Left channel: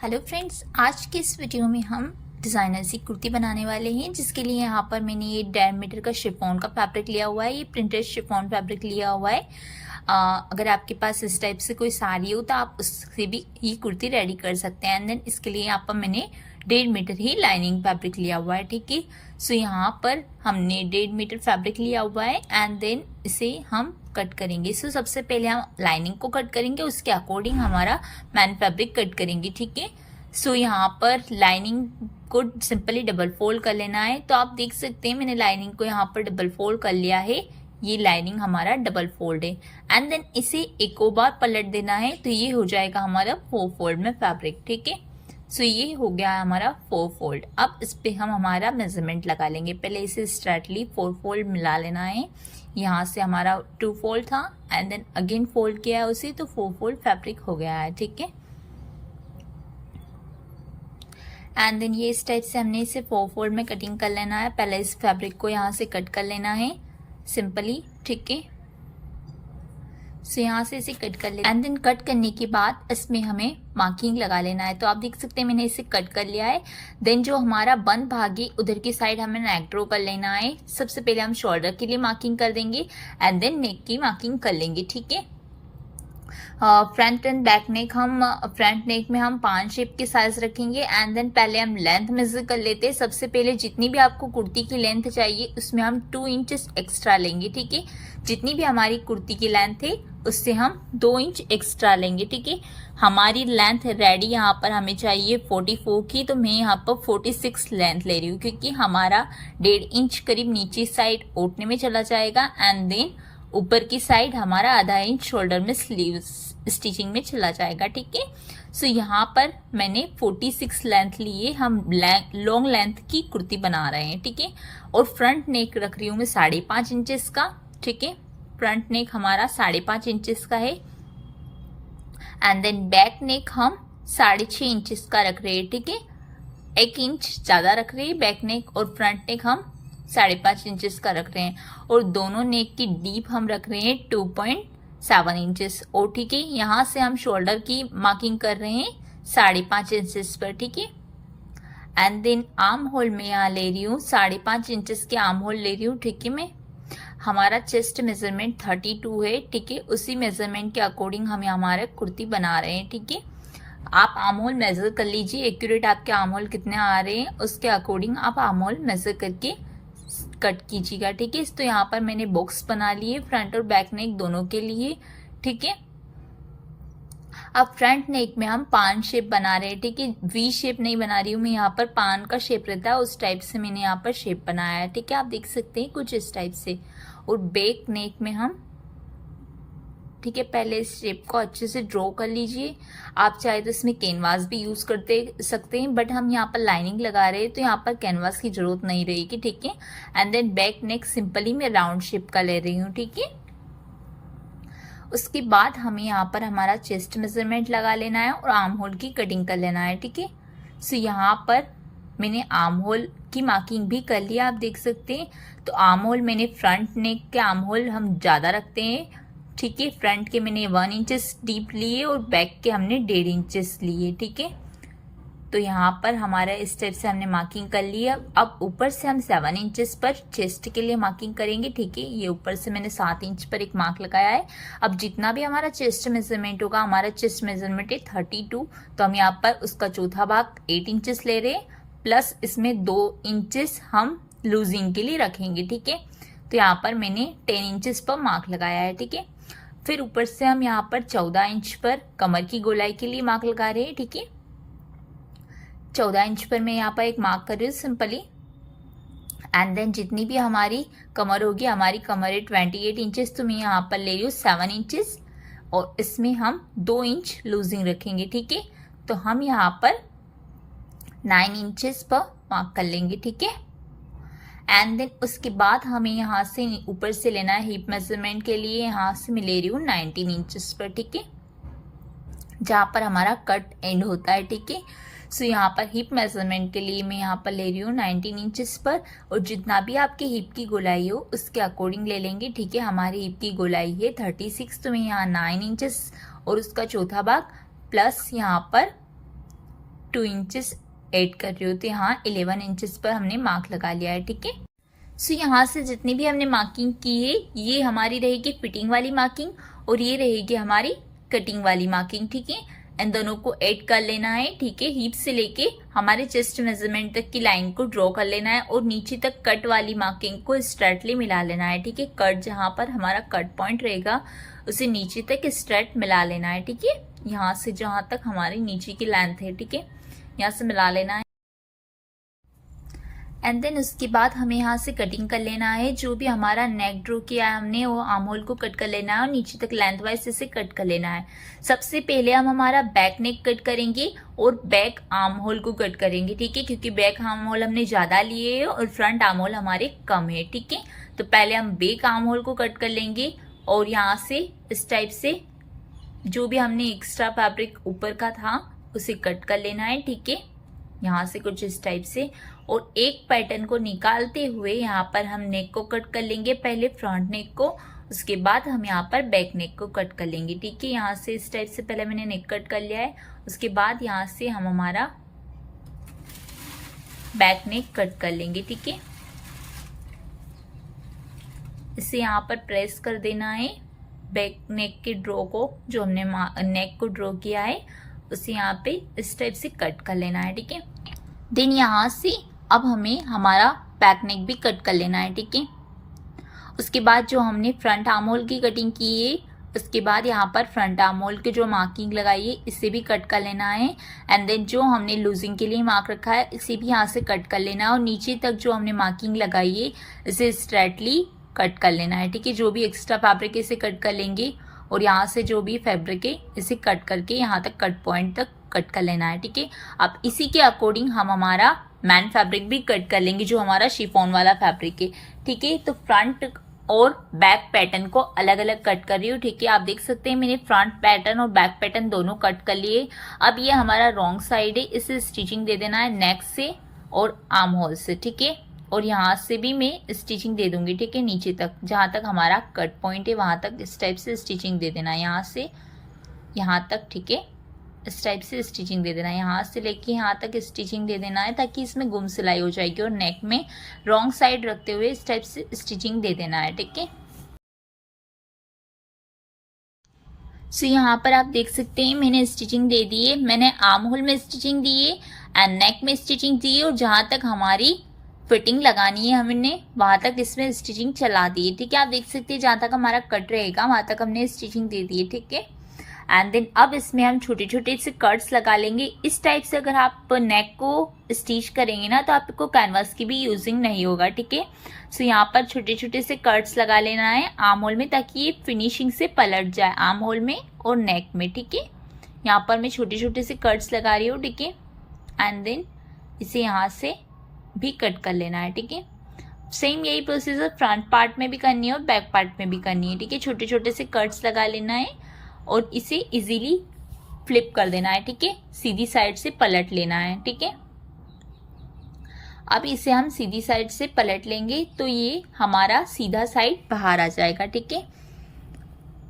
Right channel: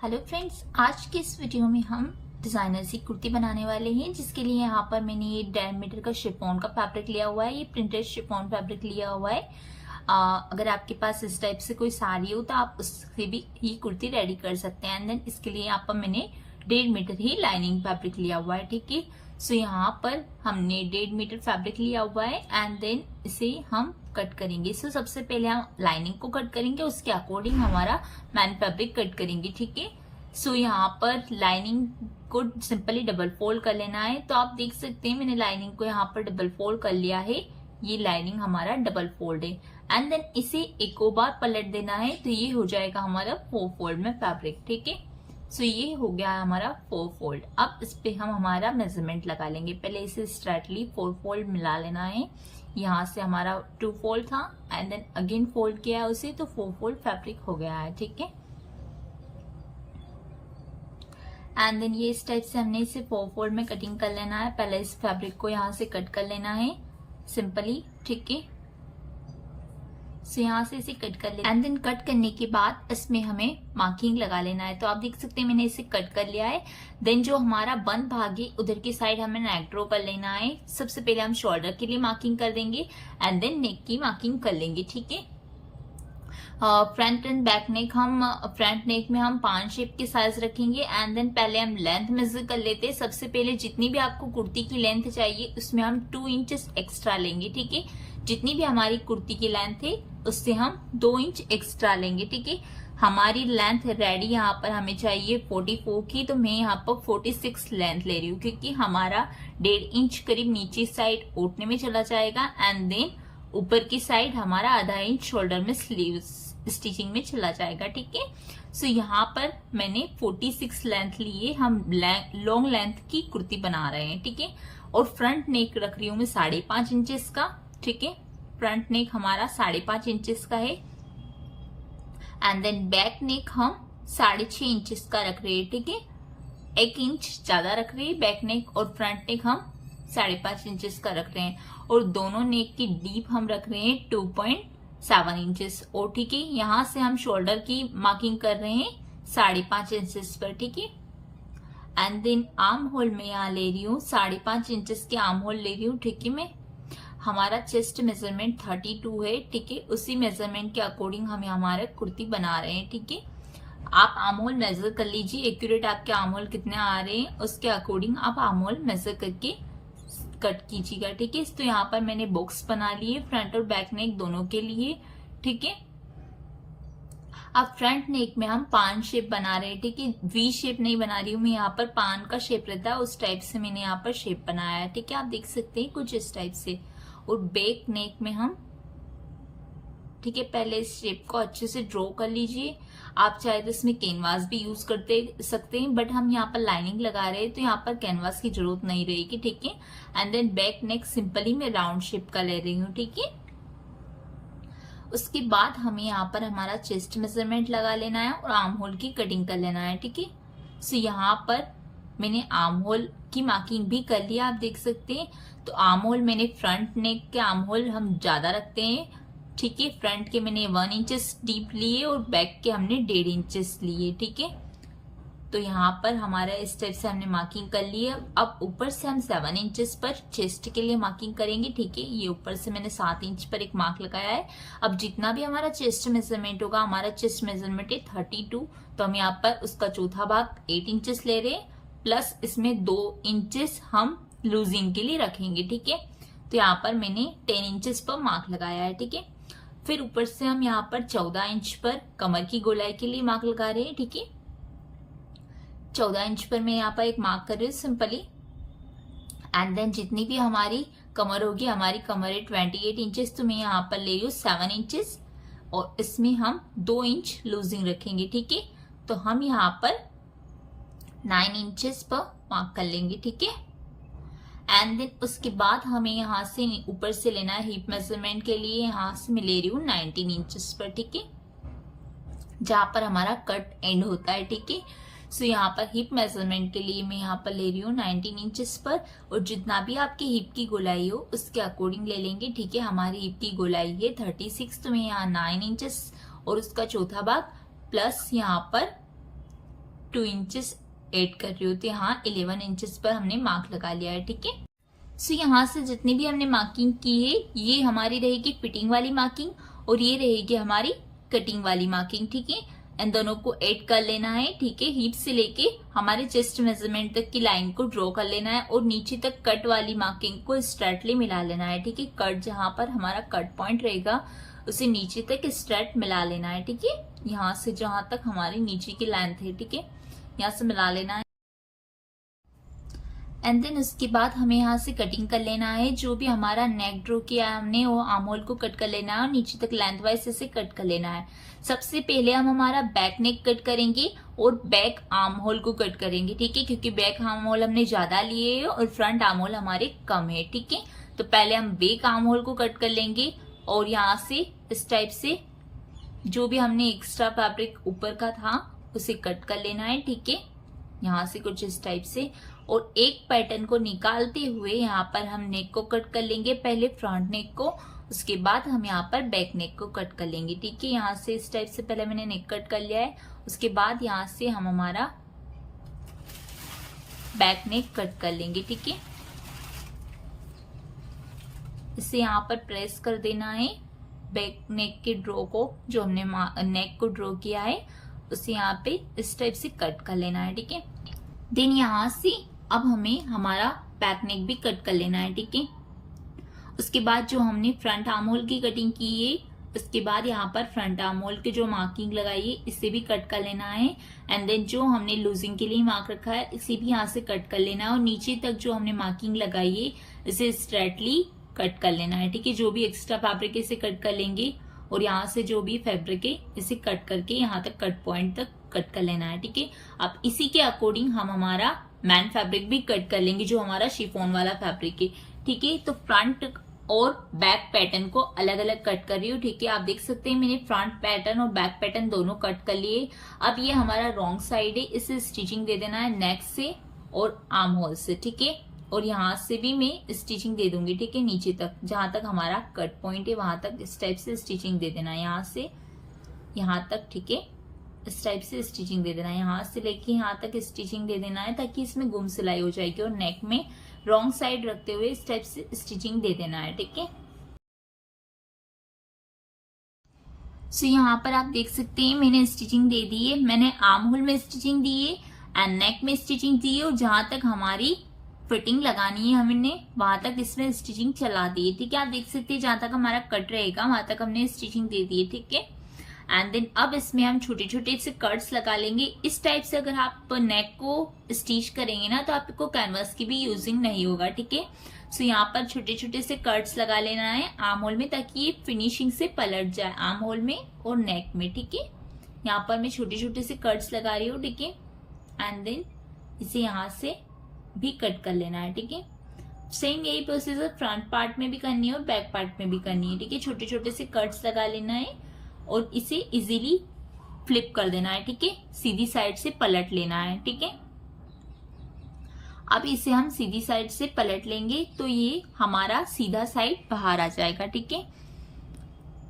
Hello friends, आज के इस वीडियो में हम डिज़ाइनर सी कुर्ती बनाने वाले हैं, जिसके लिए यहाँ पर मैंने ये 1.5 मीटर का शिफॉन का फैब्रिक लिया हुआ है। ये प्रिंटेड शिफॉन फैब्रिक लिया हुआ है। अगर आपके पास इस टाइप से कोई साड़ी हो तो आप उससे भी ये कुर्ती रेडी कर सकते हैं। एंड देन इसके लिए यहाँ पर मैंने 1.5 मीटर ही लाइनिंग फैब्रिक लिया हुआ है। ठीक है, सो यहाँ पर हमने 1.5 मीटर फैब्रिक लिया हुआ है एंड देन इसे हम कट करेंगे। सो सबसे पहले हम लाइनिंग को कट करेंगे, उसके अकॉर्डिंग हमारा मैन फैब्रिक कट करेंगे। ठीक है, सो यहाँ पर लाइनिंग को सिंपली डबल फोल्ड कर लेना है। तो आप देख सकते हैं मैंने लाइनिंग को यहाँ पर डबल फोल्ड कर लिया है। ये लाइनिंग हमारा डबल फोल्ड है एंड देन इसे एक और बार पलट देना है, तो ये हो जाएगा हमारा 4 फोल्ड में फैब्रिक। ठीक है, सो ये हो गया हमारा 4 फोल्ड। अब इस पे हम हमारा मेजरमेंट लगा लेंगे। पहले इसे स्ट्रेटली 4 फोल्ड मिला लेना है। यहाँ से हमारा 2 फोल्ड था एंड देन अगेन फोल्ड किया है उसे, तो 4 फोल्ड फैब्रिक हो गया है। ठीक है, एंड देन ये इस टाइप से हमने इसे 4 फोल्ड में कटिंग कर लेना है। पहले इस फैब्रिक को यहाँ से कट कर लेना है सिंपली। ठीक है, सो यहाँ से इसे कट कर ले एंड देन कट करने के बाद इसमें हमें मार्किंग लगा लेना है। तो आप देख सकते हैं मैंने इसे कट कर लिया है। देन जो हमारा बंद भाग है उधर की साइड हमें नेक ड्रॉ कर लेना है। सबसे पहले हम शोल्डर के लिए मार्किंग कर देंगे एंड देन नेक की मार्किंग कर लेंगे। ठीक है, फ्रंट एंड बैक नेक हम फ्रंट नेक में हम 5 शेप के साइज रखेंगे एंड देन पहले हम लेंथ मेजर कर लेते हैं। सबसे पहले जितनी भी आपको कुर्ती की लेंथ चाहिए उसमें हम 2 इंचेस एक्स्ट्रा लेंगे। ठीक है, जितनी भी हमारी कुर्ती की लेंथ है उससे हम 2 इंच एक्स्ट्रा लेंगे। ठीक है, हमारी लेंथ रेडी यहाँ पर हमें चाहिए 44 की, तो मैं यहाँ पर 46 लेंथ ले रही हूँ क्योंकि हमारा 1.5 इंच करीब नीचे साइड ओटने में चला जाएगा एंड देन ऊपर की साइड हमारा आधा इंच शोल्डर में स्लीव्स स्टिचिंग में चला जाएगा। ठीक है, सो यहाँ पर मैंने 46 लेंथ लिए, हम लॉन्ग लेंथ की कुर्ती बना रहे हैं। ठीक है, और फ्रंट नेक रख रही हूँ मैं 5.5 इंचेस का। ठीक है, फ्रंट नेक हमारा 5.5 इंचेस का है एंड देन बैक नेक हम 6.5 इंचेस का रख रहे हैं। ठीक है, 1 इंच ज्यादा रख रही है बैक नेक और फ्रंट नेक हम 5.5 इंचेस का रख रहे हैं और दोनों नेक की डीप हम रख रहे हैं 2.7 इंचेस। और ठीक है, यहाँ से हम शोल्डर की मार्किंग कर रहे हैं 5.5 इंचेस पर। ठीक है, एंड देन आर्म होल में यहाँ ले रही हूँ 5.5 इंचेस के आर्म होल ले रही हूँ। ठीक है, मैं हमारा चेस्ट मेजरमेंट 32 है। ठीक है, उसी मेजरमेंट के अकॉर्डिंग हम हमारे कुर्ती बना रहे हैं। ठीक है, आप आर्म होल मेजर कर लीजिए, एक्यूरेट आपके आर्म होल कितने आ रहे हैं उसके अकॉर्डिंग आप आर्म होल मेजर करके कट कीजिएगा। ठीक है, तो यहाँ पर मैंने बॉक्स बना लिए फ्रंट और बैक नेक दोनों के लिए। ठीक है, अब फ्रंट नेक में हम पान शेप बना रहे हैं। ठीक है, वी शेप नहीं बना रही हूँ मैं, यहाँ पर पान का शेप रहता है उस टाइप से मैंने यहाँ पर शेप बनाया है। ठीक है, आप देख सकते हैं कुछ इस टाइप से। और बैक नेक में हम ठीक है पहले इस शेप को अच्छे से ड्रॉ कर लीजिए। आप चाहे तो इसमें कैनवास भी यूज करते सकते हैं, बट हम यहाँ पर लाइनिंग लगा रहे हैं तो यहाँ पर कैनवास की जरूरत नहीं रहेगी। ठीक है, and then back neck simply मैं राउंड शेप का ले रही हूँ। ठीक है, उसके बाद हमें यहाँ पर हमारा चेस्ट मेजरमेंट लगा लेना है और आर्म होल की कटिंग कर लेना है। ठीक है, सो यहाँ पर मैंने आर्म होल की मार्किंग भी कर लिया, आप देख सकते हैं। तो आर्म होल मैंने फ्रंट नेक के आर्म होल हम ज्यादा रखते हैं। ठीक है, फ्रंट के मैंने 1 इंचेस डीप लिए और बैक के हमने 1.5 इंचेस लिए। ठीक है, तो यहाँ पर हमारा इस टाइप से हमने मार्किंग कर लिया। अब ऊपर से हम 7 इंचेस पर चेस्ट के लिए मार्किंग करेंगे। ठीक है, ये ऊपर से मैंने 7 इंच पर एक मार्क लगाया है। अब जितना भी हमारा चेस्ट मेजरमेंट होगा, हमारा चेस्ट मेजरमेंट है 32, तो हम यहाँ पर उसका चौथा भाग 8 इंचेस ले रहे हैं, प्लस इसमें 2 इंचेस हम लूजिंग के लिए रखेंगे। ठीक है, तो यहाँ पर मैंने 10 इंचेस पर मार्क लगाया है। ठीक है, फिर ऊपर से हम यहाँ पर 14 इंच पर कमर की गोलाई के लिए मार्क लगा रहे हैं। ठीक है, 14 इंच पर मैं यहाँ पर एक मार्क कर रही हूँ सिंपली। एंड देन जितनी भी हमारी कमर होगी, हमारी कमर है 28 इंचेस, तो मैं यहाँ पर ले रही हूँ 7 इंचेस और इसमें हम 2 इंच लूजिंग रखेंगे। ठीक है, तो हम यहाँ पर 9 इंचेस पर मार्क कर लेंगे। ठीक है, एंड देन उसके बाद हमें यहाँ से ऊपर से लेना है हिप मेजरमेंट के लिए। यहाँ से मैं ले रही हूँ 19 इंचेस पर। ठीक है, जहाँ पर हमारा कट एंड होता है। ठीक है, सो यहाँ पर हिप मेजरमेंट के लिए मैं यहाँ पर ले रही हूँ 19 इंचेस पर, और जितना भी आपकी हिप की गोलाई हो उसके अकॉर्डिंग ले लेंगे। ठीक है, हमारी हिप की गोलाई है 36, तो मैं यहाँ 9 इंचेस और उसका चौथा भाग प्लस यहाँ पर 2 इंचेस ऐड कर रही हूँ, तो यहाँ 11 इंचेस पर हमने मार्क लगा लिया है। ठीक है, सो यहाँ से जितनी भी हमने मार्किंग की है ये हमारी रहेगी फिटिंग वाली मार्किंग और ये रहेगी हमारी कटिंग वाली मार्किंग। ठीक है, इन दोनों को ऐड कर लेना है। ठीक है, हिप से लेके हमारे चेस्ट मेजरमेंट तक की लाइन को ड्रॉ कर लेना है और नीचे तक कट वाली मार्किंग को स्ट्रेटली मिला लेना है। ठीक है, कट जहां पर हमारा कट पॉइंट रहेगा उसे नीचे तक स्ट्रेट मिला लेना है। ठीक है, यहाँ से जहां तक हमारी नीचे की लेंथ है, ठीक है, यहाँ से मिला लेना है। एंड देन उसके बाद हमें यहाँ से कटिंग कर लेना है। जो भी हमारा नेक ड्रॉ किया है हमने वो आर्म होल को कट कर लेना है और नीचे तक लेंथ वाइज इसे कट कर लेना है। सबसे पहले हम हमारा बैक नेक कट करेंगे और बैक आर्म होल को कट करेंगे। ठीक है, क्योंकि बैक आर्म होल हमने ज्यादा लिए है और फ्रंट आर्म होल हमारे कम है। ठीक है, तो पहले हम बैक आर्म होल को कट कर लेंगे और यहाँ से इस टाइप से जो भी हमने एक्स्ट्रा फैब्रिक ऊपर का था उसे कट कर लेना है। ठीक है, यहाँ से कुछ इस टाइप से और एक पैटर्न को निकालते हुए यहाँ पर हम नेक को कट कर लेंगे, पहले फ्रंट नेक को, उसके बाद हम यहाँ पर बैक नेक को कट कर लेंगे। ठीक है, यहाँ से इस टाइप से पहले मैंने नेक कट कर लिया है, उसके बाद यहाँ से हम हमारा बैक नेक कट कर लेंगे। ठीक है, इसे यहाँ पर प्रेस कर देना है। बैक नेक के ड्रॉ को जो हमने नेक को ड्रॉ किया है उसे यहाँ पे इस टाइप से कट कर लेना है। ठीक है, देन यहाँ से अब हमें हमारा बैक नेक भी कट कर लेना है। ठीक है, उसके बाद जो हमने फ्रंट आर्म होल की कटिंग की है उसके बाद यहाँ पर फ्रंट आर्म होल के जो मार्किंग लगाई है इसे भी कट कर लेना है। एंड देन जो हमने लूजिंग के लिए मार्क रखा है इसे भी यहाँ से कट कर लेना है और नीचे तक जो हमने मार्किंग लगाई है इसे स्ट्रेटली कट कर लेना है। ठीक है, जो भी एक्स्ट्रा फैब्रिक है इसे कट कर लेंगे और यहाँ से जो भी फैब्रिक है इसे कट करके यहाँ तक कट पॉइंट तक कट कर लेना है। ठीक है, अब इसी के अकॉर्डिंग हम हमारा मैन फैब्रिक भी कट कर लेंगे जो हमारा शिफॉन वाला फैब्रिक है। ठीक है, तो फ्रंट और बैक पैटर्न को अलग अलग कट कर रही हूँ। ठीक है, आप देख सकते हैं मैंने फ्रंट पैटर्न और बैक पैटर्न दोनों कट कर लिए। अब ये हमारा रॉन्ग साइड है, इसे स्टिचिंग दे देना है नेक से और आर्म होल से। ठीक है, और यहाँ से भी मैं स्टिचिंग दे दूंगी। ठीक है, नीचे तक जहां तक हमारा कट पॉइंट है वहां तक इस टाइप से स्टिचिंग दे देना है, यहाँ से यहाँ तक। ठीक है, इस टाइप से स्टिचिंग दे देना है, यहाँ से लेके यहाँ तक स्टिचिंग दे देना है ताकि इसमें गुम सिलाई हो जाएगी और नेक में रॉन्ग साइड रखते हुए इस टाइप से स्टिचिंग दे देना है। ठीक है, सो यहाँ पर आप देख सकते हैं मैंने स्टिचिंग दे दी है। मैंने आर्म होल में स्टिचिंग दी है एंड नेक में स्टिचिंग दी है और जहां तक हमारी फिटिंग लगानी है हमने वहां तक इसमें स्टिचिंग चला दी है। ठीक है, आप देख सकते हैं जहां तक हमारा कट रहेगा वहां तक हमने स्टिचिंग दे दी है। ठीक है, एंड देन अब इसमें हम छोटे छोटे से कट्स लगा लेंगे। इस टाइप से अगर आप नेक को स्टिच करेंगे ना तो आपको कैनवास की भी यूजिंग नहीं होगा। ठीक है, सो यहाँ पर छोटे छोटे से कट्स लगा लेना है आर्म होल में ताकि ये फिनिशिंग से पलट जाए आर्म होल में और नेक में। ठीक है, यहाँ पर मैं छोटे छोटे से कट्स लगा रही हूँ। ठीक है, एंड देन इसे यहाँ से भी कट कर लेना है। ठीक है, सेम यही प्रोसीजर फ्रंट पार्ट में भी करनी है और बैक पार्ट में भी करनी है। ठीक है, छोटे छोटे से कट्स लगा लेना है और इसे इजीली फ्लिप कर देना है। ठीक है, सीधी साइड से पलट लेना है। ठीक है, अब इसे हम सीधी साइड से पलट लेंगे तो ये हमारा सीधा साइड बाहर आ जाएगा। ठीक है,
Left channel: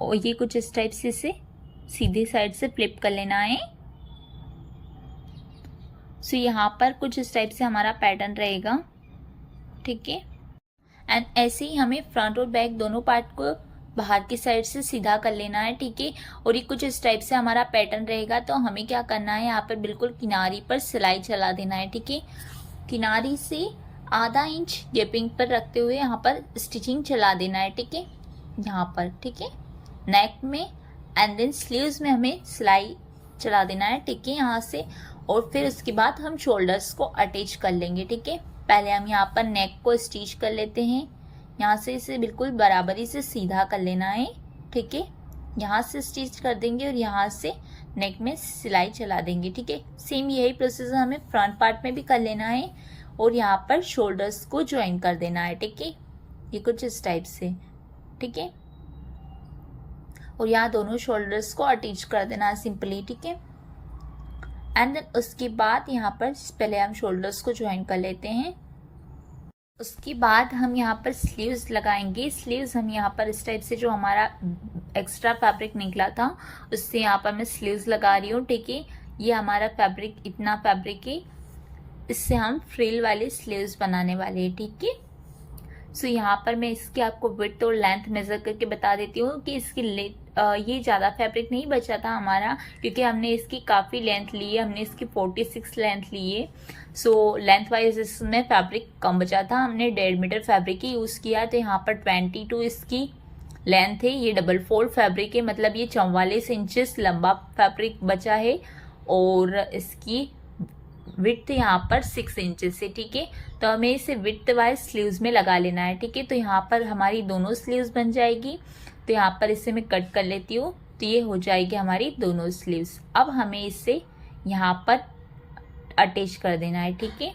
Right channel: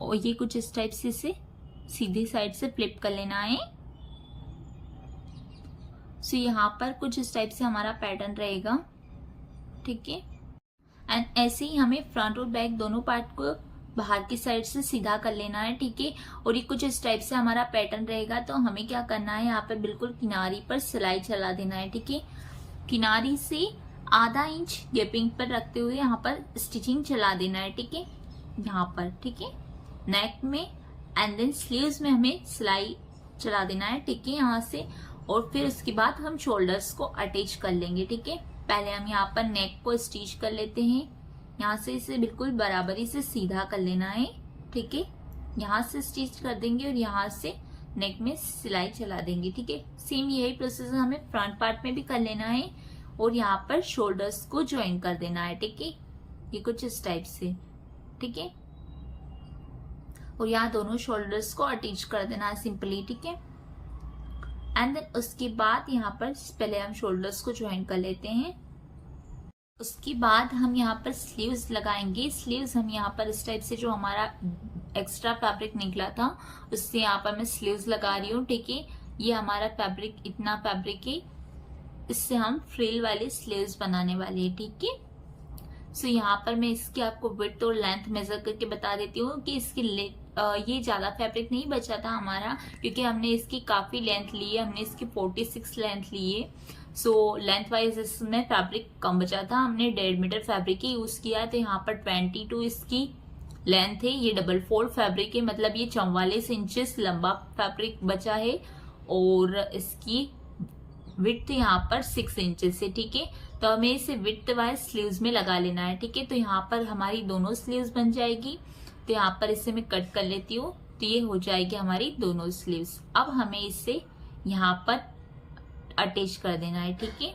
और ये कुछ इस टाइप से इसे सीधे साइड से फ्लिप कर लेना है। सो यहाँ पर कुछ इस टाइप से हमारा पैटर्न रहेगा। ठीक है, एंड ऐसे ही हमें फ्रंट और बैक दोनों पार्ट को बाहर की साइड से सीधा कर लेना है। ठीक है, और ये कुछ इस टाइप से हमारा पैटर्न रहेगा। तो हमें क्या करना है, यहाँ पर बिल्कुल किनारी पर सिलाई चला देना है। ठीक है, किनारी से आधा इंच गैपिंग पर रखते हुए यहाँ पर स्टिचिंग चला देना है। ठीक है, यहाँ पर। ठीक है, नेक में एंड देन स्लीव्स में हमें सिलाई चला देना है। ठीक है, यहाँ से, और फिर उसके बाद हम शोल्डर्स को अटैच कर लेंगे। ठीक है, पहले हम यहाँ पर नेक को स्टिच कर लेते हैं, यहाँ से इसे बिल्कुल बराबरी से सीधा कर लेना है। ठीक है, यहाँ से स्टिच कर देंगे और यहाँ से नेक में सिलाई चला देंगे। ठीक है, सेम यही प्रोसेस हमें फ्रंट पार्ट में भी कर लेना है और यहाँ पर शोल्डर्स को ज्वाइन कर देना है। ठीक है, ये कुछ इस टाइप से। ठीक है, और यहाँ दोनों शोल्डर्स को अटैच कर देना है सिंपली। ठीक है, एंड देन उसके बाद यहाँ पर पहले हम शोल्डर्स को ज्वाइन कर लेते हैं। उसके बाद हम यहाँ पर स्लीव्स लगाएंगे। स्लीव्स हम यहाँ पर इस टाइप से जो हमारा एक्स्ट्रा फैब्रिक निकला था उससे यहाँ पर मैं स्लीव्स लगा रही हूँ। ठीक है, ये हमारा फैब्रिक, इतना फैब्रिक है, इससे हम फ्रिल वाले स्लीव्स बनाने वाले हैं, ठीक है। सो यहाँ पर मैं इसकी आपको विड्थ और लेंथ मेजर करके बता देती हूँ कि इसकी ये ज़्यादा फैब्रिक नहीं बचा था हमारा, क्योंकि हमने इसकी काफ़ी लेंथ ली है, हमने इसकी 46 लेंथ ली है। सो लेंथ वाइज इसमें फैब्रिक कम बचा था, हमने 1.5 मीटर फैब्रिक ही यूज़ किया। तो यहाँ पर 22 इसकी लेंथ है, ये डबल फोल्ड फैब्रिक है, मतलब ये 44 इंचेस लंबा फैब्रिक बचा है, और इसकी विड्थ यहाँ पर 6 इंचेस है, ठीक है। तो हमें इसे विड्थ वाइज स्लीव्स में लगा लेना है, ठीक है। तो यहाँ पर हमारी दोनों स्लीव्स बन जाएगी। तो यहाँ पर इसे मैं कट कर लेती हूँ, तो ये हो जाएगी हमारी दोनों स्लीव्स। अब हमें इसे यहाँ पर अटैच कर देना है, ठीक है।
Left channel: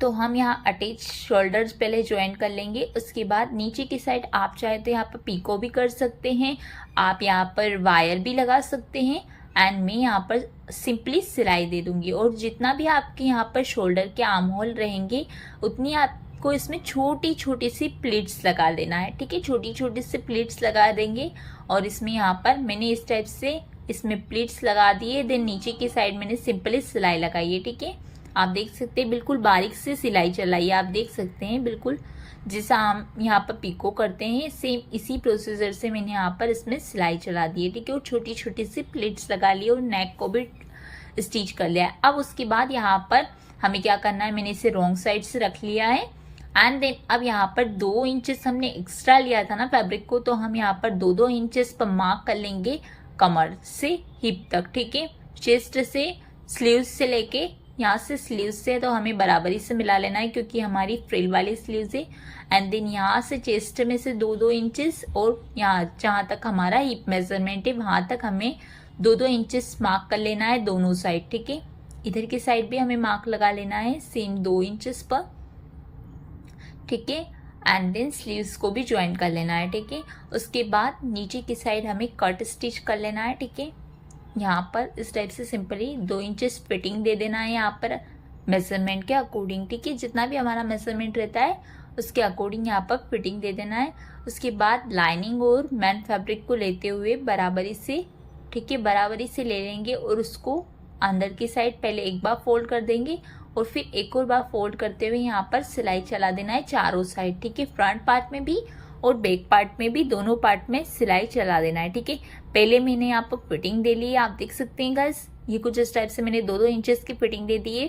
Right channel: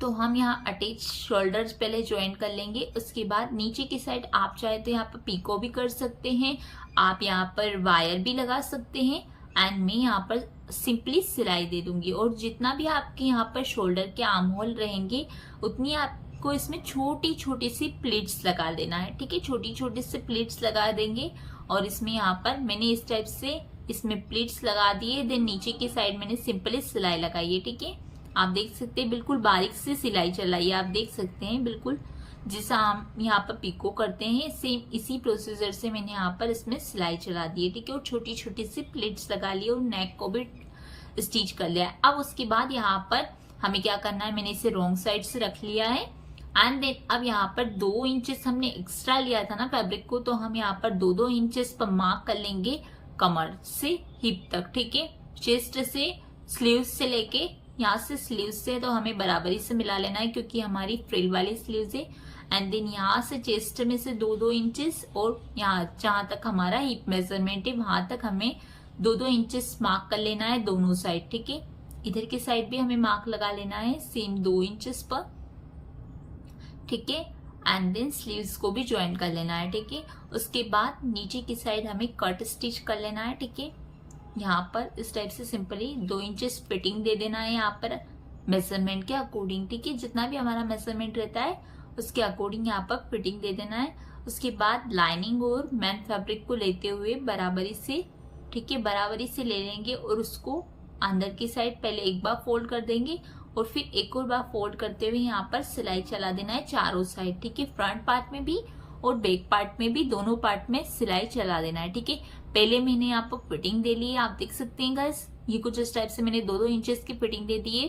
तो हम यहाँ अटैच शोल्डर्स पहले ज्वाइन कर लेंगे, उसके बाद नीचे की साइड आप चाहे तो यहाँ पर पीको भी कर सकते हैं, आप यहाँ पर वायर भी लगा सकते हैं, एंड मैं यहाँ पर सिंपली सिलाई दे दूंगी। और जितना भी आपके यहाँ पर शोल्डर के आर्म होल रहेंगे, उतनी आपको इसमें छोटी छोटी सी प्लीट्स लगा देना है, ठीक है। छोटी छोटी सी प्लीट्स लगा देंगे, और इसमें यहाँ पर मैंने इस टाइप से इसमें प्लीट्स लगा दिए, देन नीचे की साइड मैंने सिंपली सिलाई लगाई है, ठीक है। आप देख सकते हैं बिल्कुल बारीक सी सिलाई चलाई है, आप देख सकते हैं बिल्कुल जैसा हम यहाँ पर पिको करते हैं, सेम इसी प्रोसीजर से मैंने यहाँ पर इसमें सिलाई चला दी है, ठीक है। और छोटी छोटी सी प्लेट्स लगा ली और नेक को भी स्टिच कर लिया है। अब उसके बाद यहाँ पर हमें क्या करना है, मैंने इसे रॉन्ग साइड से रख लिया है, एंड देन अब यहाँ पर 2 इंचेस हमने एक्स्ट्रा लिया था ना फैब्रिक को, तो हम यहाँ पर 2-2 इंचेस पर मार्क कर लेंगे कमर से हिप तक, ठीक है। चेस्ट से स्लीव्स से लेके यहाँ से स्लीव्स से तो हमें बराबरी से मिला लेना है, क्योंकि हमारी फ्रिल वाली स्लीव्स है। एंड देन यहाँ से चेस्ट में से 2-2 इंचेस, और यहाँ जहाँ तक हमारा हिप मेजरमेंट है वहां तक हमें 2-2 इंचेस मार्क कर लेना है दोनों साइड, ठीक है। इधर की साइड भी हमें मार्क लगा लेना है सेम 2 इंचेस पर, ठीक है। एंड देन स्लीव्स को भी ज्वाइन कर लेना है, ठीक है। उसके बाद नीचे की साइड हमें कट स्टिच कर लेना है, ठीक है। यहाँ पर इस टाइप से सिंपली 2 इंचेस फिटिंग दे देना है यहाँ पर मेजरमेंट के अकॉर्डिंग, ठीक है। जितना भी हमारा मेजरमेंट रहता है उसके अकॉर्डिंग यहाँ पर फिटिंग दे देना है। उसके बाद लाइनिंग और मेन फैब्रिक को लेते हुए बराबरी से, ठीक है, बराबरी से ले लेंगे, और उसको अंदर की साइड पहले एक बार फोल्ड कर देंगे, और फिर एक और बार फोल्ड करते हुए यहाँ पर सिलाई चला देना है चारों साइड, ठीक है। फ्रंट पार्ट में भी और बैक पार्ट में भी, दोनों पार्ट में सिलाई चला देना है, ठीक है। पहले मैंने यहाँ पर फिटिंग दे ली है, आप देख सकते हैं गाइस, ये कुछ इस टाइप से मैंने 2-2 इंचेस की फिटिंग दे दी है,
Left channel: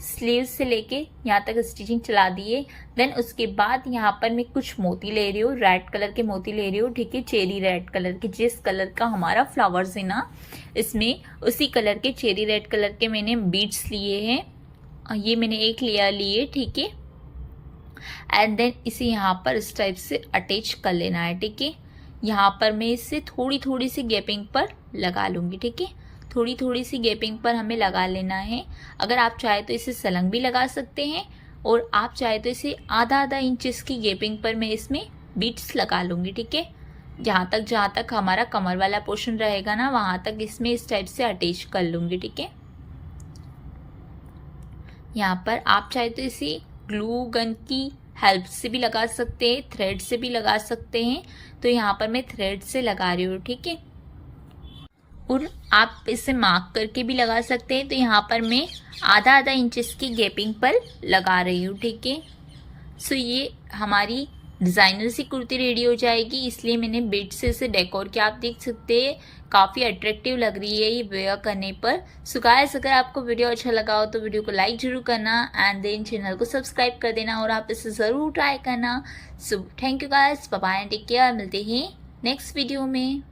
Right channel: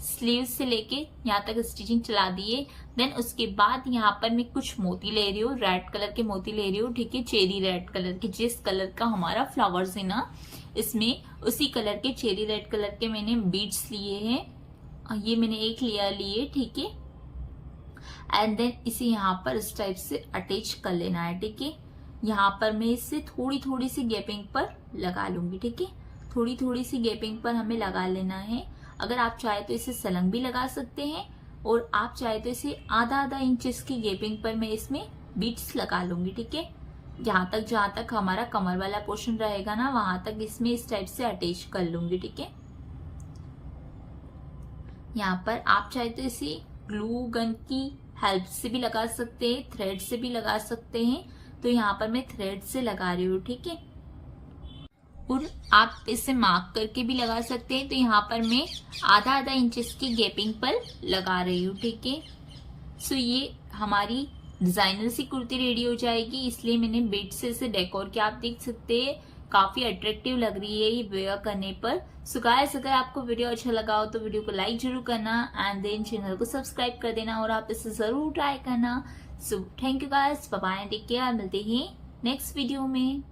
स्लीव से लेके यहाँ तक स्टिचिंग चला दी है। देन उसके बाद यहाँ पर मैं कुछ मोती ले रही हूँ, रेड कलर के मोती ले रही हूँ, ठीक है। चेरी रेड कलर के, जिस कलर का हमारा फ्लावर्स है ना, इसमें उसी कलर के चेरी रेड कलर के मैंने बीड्स लिए हैं, ये मैंने एक लेयर लिए, ठीक है। एंड देन इसे यहाँ पर इस टाइप से अटैच कर लेना है, ठीक है। यहाँ पर मैं इसे थोड़ी थोड़ी सी गैपिंग पर लगा लूंगी, ठीक है। थोड़ी थोड़ी सी गैपिंग पर हमें लगा लेना है। अगर आप चाहे तो इसे सलंग भी लगा सकते हैं, और आप चाहे तो इसे आधा इंचेस की गैपिंग पर मैं इसमें बीट्स लगा लूंगी, ठीक है। जहाँ तक हमारा कमर वाला पोर्शन रहेगा ना, वहां तक इसमें इस टाइप से अटैच कर लूंगी, ठीक है। यहाँ पर आप चाहे तो इसे ग्लू गन की हेल्प से भी लगा सकते हैं, थ्रेड से भी लगा सकते हैं। तो यहाँ पर मैं थ्रेड से लगा रही हूँ, ठीक है। और आप इसे मार्क करके भी लगा सकते हैं। तो यहाँ पर मैं आधा इंचेस की गैपिंग पर लगा रही हूँ, ठीक है। सो ये हमारी डिजाइनर सी कुर्ती रेडी हो जाएगी, इसलिए मैंने बीट से इसे डेकोर किया। आप देख सकते हैं काफी अट्रैक्टिव लग रही है ये वेयर करने पर। सो गाइस, अगर आपको वीडियो अच्छा लगा हो तो वीडियो को लाइक जरूर करना, एंड देन चैनल को सब्सक्राइब कर देना, और आप इसे जरूर ट्राई करना। So thank you guys, bye bye, take care, मिलते हैं नेक्स्ट वीडियो में।